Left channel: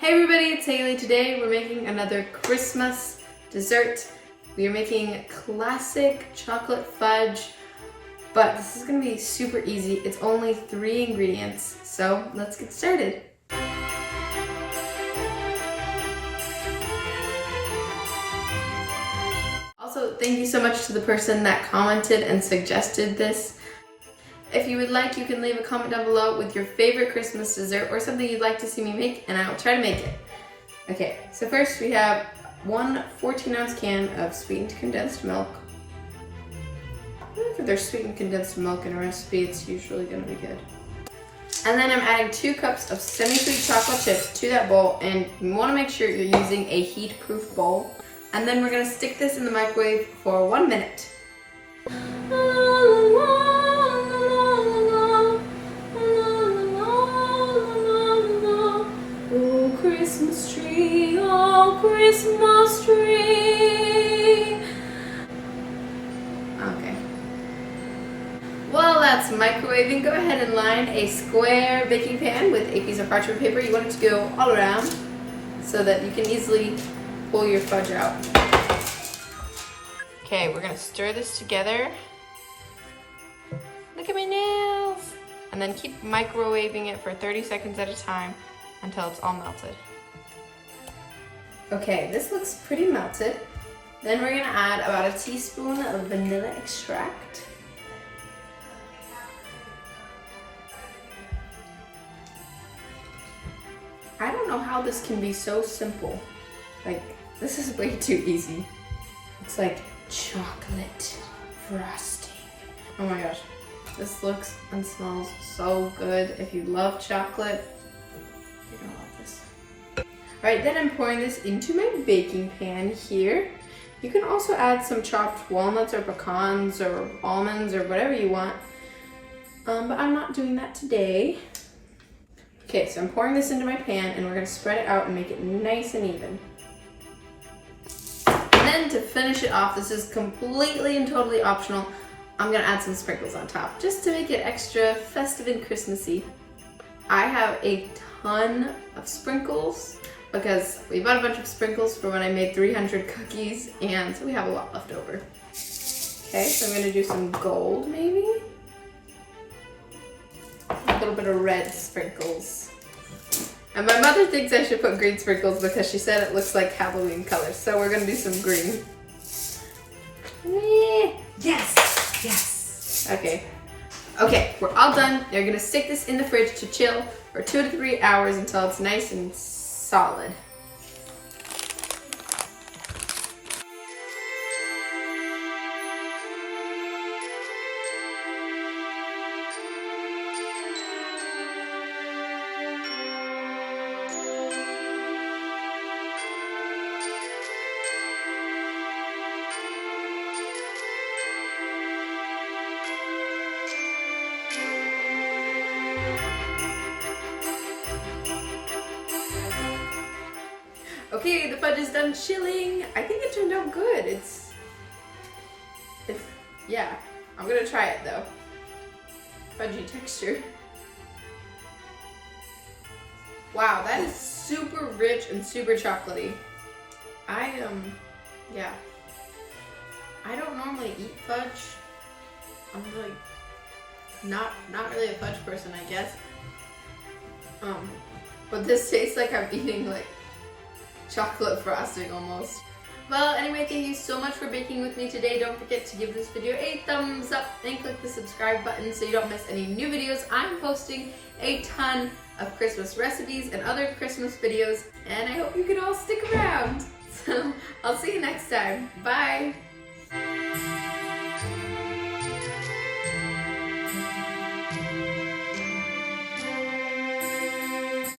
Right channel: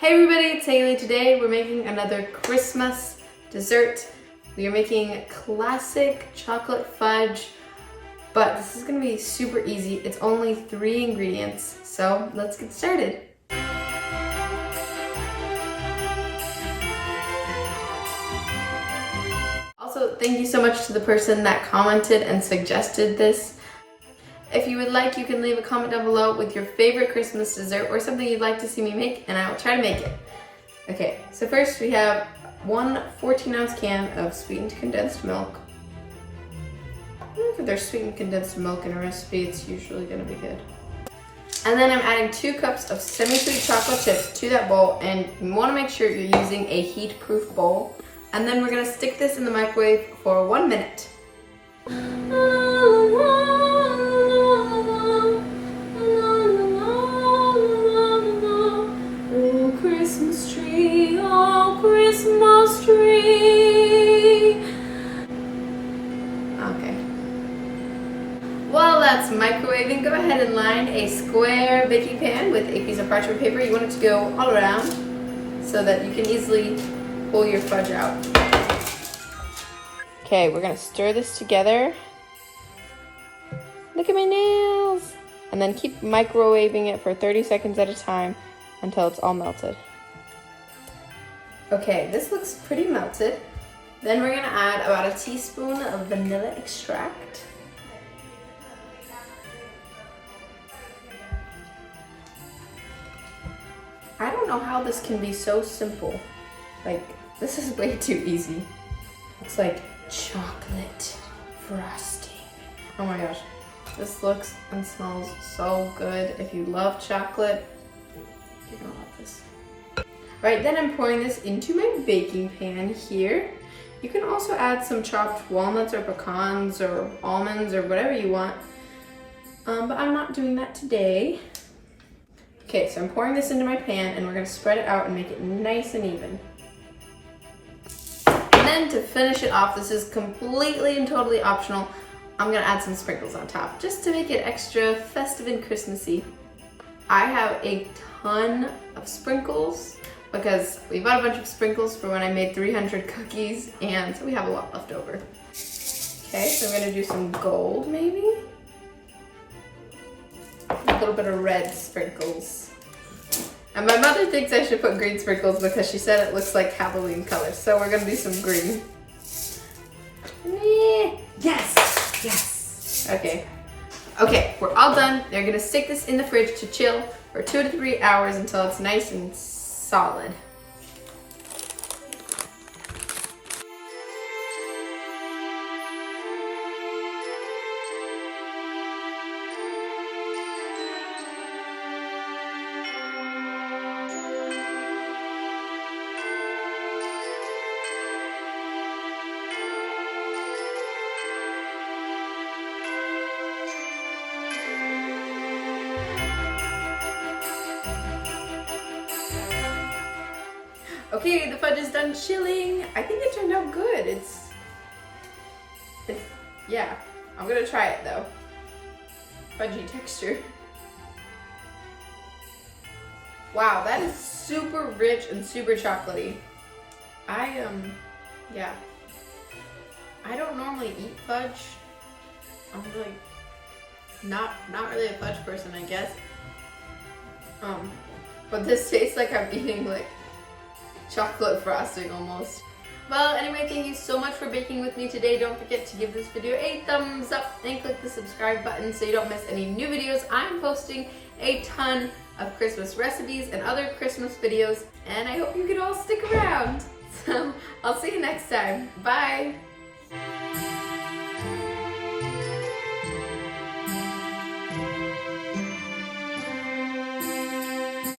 Hey everybody, it's Hailey. Today we're making another Christmas dessert. We are making classic chocolate fudge, but this is gonna be super easy. It's only 3 ingredients, so let's get started. Also, thank you so much to the person that commented and suggested this. If you would like, you can leave a comment down below with your favorite Christmas dessert or something you'd like to see me make, and I will try to make it. Okay, so first we have one 14-ounce can of sweetened condensed milk. If there's sweetened condensed milk in a recipe, it's usually gonna be good. And then I'm adding 2 cups of semi-sweet chocolate chips to that bowl, and you wanna make sure you're using a heat-proof bowl. And then we're gonna stick this in the microwave for 1 minute. Christmas tree, oh Christmas tree. Okay. While that's microwaving, go ahead and line a square baking pan with a piece of parchment paper. You want it to go all around so that you can easily pull your fudge out. Okay, we're gonna stir this together. Look at my nails! And then keep microwaving it for 30 seconds at a time until it's all melted. Okay, this looks pretty melted. Then we're gonna add about a teaspoon of vanilla extract. I don't know how this can be so simple. Like, this is way too easy. It's like chocolate frosting. Oh my gosh, this looks and smells so good. If you love chocolate, you're gonna love this. Right, then I'm pouring this into my baking pan here. You can also add some chopped walnuts or pecans or almonds or whatever you want, but I'm not doing that today. Okay, so I'm pouring this into my pan and we're gonna spread it out and make it nice and even. And then to finish it off, this is completely and totally optional, I'm gonna add some sprinkles on top just to make it extra festive and Christmassy. I have a ton of sprinkles because we bought a bunch of sprinkles for when I made 300 cookies, and so we have a lot left over. Okay, so I'm gonna do some gold maybe. A little bit of red sprinkles. And my mother thinks I should put green sprinkles because she said it looks like Halloween colors, so we're gonna do some green. Yes, yes. Okay. Okay, we're all done. They're gonna stick this in the fridge to chill for 2 to 3 hours until it's nice and solid. Okay, the fudge is done chilling. I think it turned out good. It's yeah. I'm gonna try it though. Fudgy texture. Wow, that is super rich and super chocolatey. Yeah. I don't normally eat fudge. I'm really not really a fudge person, I guess. But this tastes like I'm eating like chocolate frosting almost. Well, anyway, thank you so much for baking with me today. Don't forget to give this video a thumbs up and click the subscribe button so you don't miss any new videos. I'm posting a ton of Christmas recipes and other Christmas videos, and I hope you can all stick around. So I'll see you next time. Bye!